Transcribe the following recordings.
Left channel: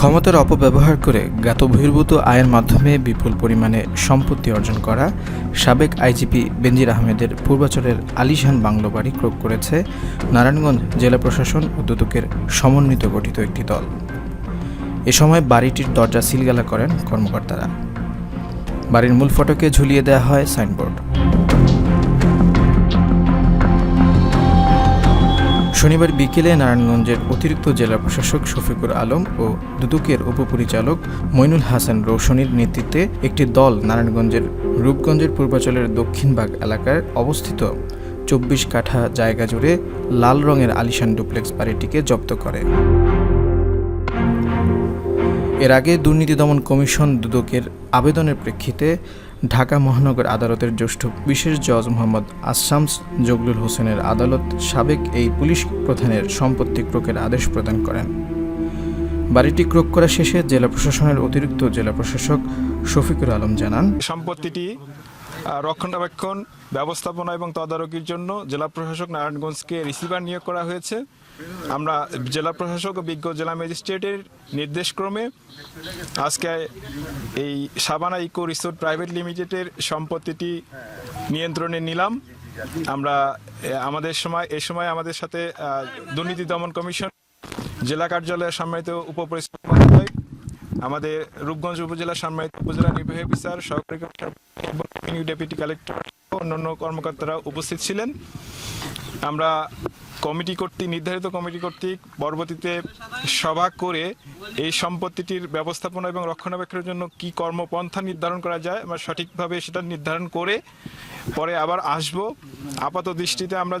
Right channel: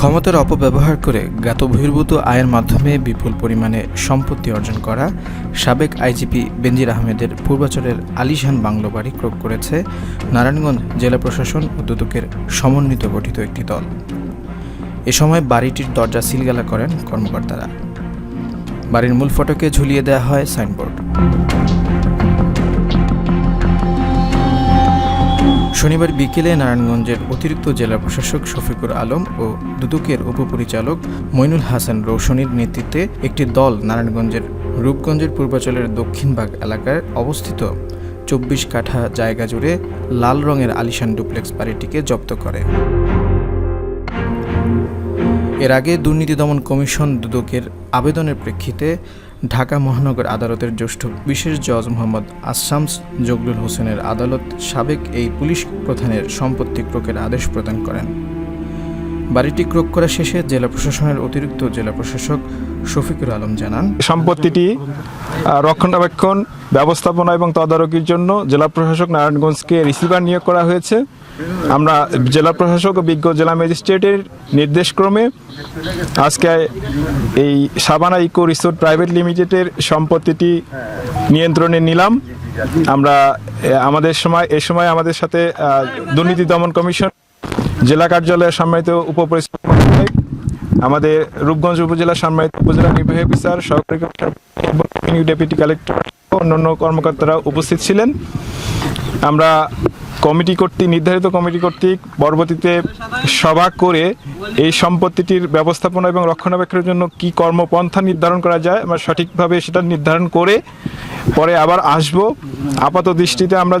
ক্ষমতার অপব্যবহার করে জ্ঞাতবহির্ভূত আয়ের মাধ্যমে বিপুল পরিমাণে সম্পত্তি অর্জন করা সাবেক আইজিপি বেনজির আহমেদের পূর্বাচলের আলিশান বাংলো বাড়ি ক্রয় করেছে নারায়ণগঞ্জ জেলা প্রশাসন ও দুদকের সমন্বিত গঠিত একটি দল। এ সময় বাড়িটির দরজা সিলগালা করেন কর্মকর্তারা। বাড়ির মূল ফটকে ঝুলিয়ে দেওয়া হয় সাইনবোর্ড। শনিবার বিকেলে নারায়ণগঞ্জের অতিরিক্ত জেলা প্রশাসক শফিকুর আলম ও দুদকের উপপরিচালক মইনুল হাসান রৌশনীর নেতৃত্বে একটি দল নারায়ণগঞ্জের রূপগঞ্জের পূর্বাচলের দক্ষিণবাগ এলাকায় অবস্থিত ২৪ কাঠা জায়গা জুড়ে লাল রঙের আলিশান ডুপ্লেক্স বাড়িটিকে জব্দ করে। এর আগে দুর্নীতি দমন কমিশন দুদকের আবেদনের প্রেক্ষিতে ঢাকা মহানগর আদালতের জ্যেষ্ঠ বিশেষ জজ মোহাম্মদ আশামস জগলুল হোসেনের আদালত সাবেক এই পুলিশ প্রধানের সম্পত্তি ক্রয়ের আদেশ প্রদান করেন। বাড়িটি ক্রয় করা শেষে জেলা প্রশাসনের অতিরিক্ত জেলা প্রশাসক শফিকুর আলম জানান, সম্পত্তিটি রক্ষণাবেক্ষণ, ব্যবস্থাপনা এবং তদারকির জন্য জেলা প্রশাসক নারায়ণগঞ্জকে রিসিভার নিয়োগ করা হয়েছে। আমরা জেলা প্রশাসক ও বিজ্ঞ জেলা ম্যাজিস্ট্রেটের নির্দেশক্রমে আজকে এই সাবানা ইকো রিসোর্ট প্রাইভেট লিমিটেডের সম্পত্তিটি নিয়ন্ত্রণে নিলাম। আমরা এ সময় আমাদের সাথে দুর্নীতি দমন কমিশন জেলা কার্যালয়ের সম্মানিত উপপরিচালক, আমাদের রূপগঞ্জ উপজেলা সম্মানিত উপজেলা নির্বাহী অফিসার, সহকারী ডেপুটি কালেক্টর, অন্যান্য কর্মকর্তারা উপস্থিত ছিলেন। আমরা নির্ধারিত কমিটি কর্তৃক পরবর্তীতে সভা করে এই সম্পত্তিটির ব্যবস্থাপনা এবং রক্ষণাবেক্ষণের জন্য কি কর্মপন্থা নির্ধারণ করা যায় আমরা সঠিকভাবে সেটা নির্ধারণ করে পরে আবার আসব। আপাত দৃষ্টিতে আমরা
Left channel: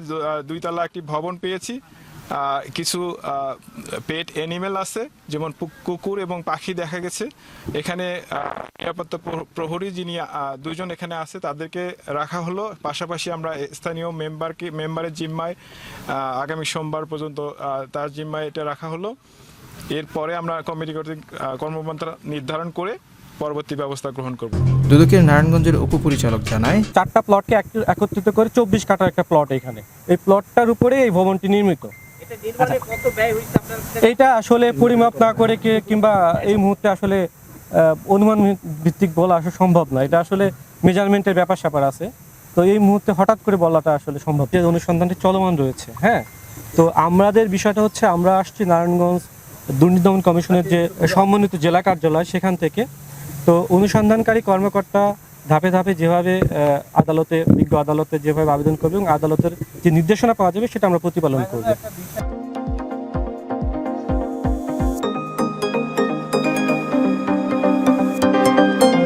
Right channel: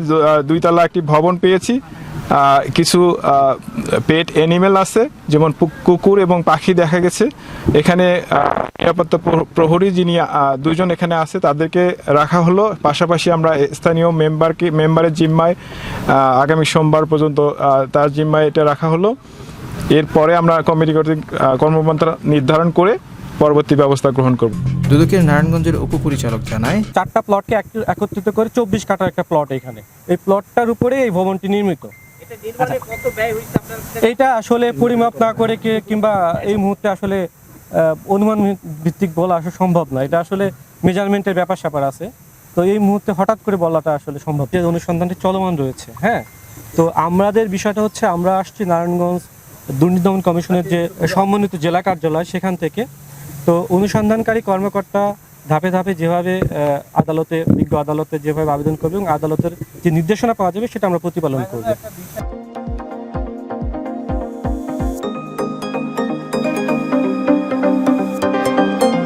2 তলা একটি ভবন পেয়েছি। কিছু পেট অ্যানিমেল আছে, যেমন কুকুর এবং পাখি দেখা গেছে। এখানে নিরাপত্তা প্রহরী যিনি 2 জন এখানে আছে তাদেরকে রাখা হলো। পাশাপাশি আমরা স্থানীয় মেম্বারের জিম্মায় আগামী সোমবার পর্যন্ত তার জিম্মায় এটা রাখা হলো। এরপরে আমরা কমিটি কর্তৃক কর্মপন্থা নির্ধারণ করে পরবর্তী ব্যবস্থা গ্রহণ করব। দুদকের নারায়ণগঞ্জের উপপরিচালক জানায়, 4টা প্লটকে একত্রিত করে 24 কাঠার একটা প্লট এখানে। এই প্লটটার উপরে এই ভবনটি নির্মিত। এইটা আসলে পরিমাপ না করে কিংবা এই মুহূর্তে আসলে অনুমান ভিত্তিক বলা আসলে সম্ভব না। এটা আসলে মেজারমেন্টের ব্যাপার আছে। তো এই মুহূর্তে হঠাৎ করে বলাটা আসলে সম্ভব। যে অনুসন্ধানটি চলমান রয়েছে। হ্যাঁ, তো আমাদের বিষয়টা হচ্ছে আমরা আসছি নারায়ণগঞ্জ দুর্নীতি দমন কমিশনের যে সমন্বিত জেলা কার্যালয় সেখান থেকে। তো অনুসন্ধানকারী কর্মকর্তা ধাপে ধাপে যেভাবে বিজ্ঞ আদালতে যেভাবে আবেদন করবে এবং আদালতের যে নির্দেশনা পাওয়া যাবে সেটা আমরা প্রতিপালন করব।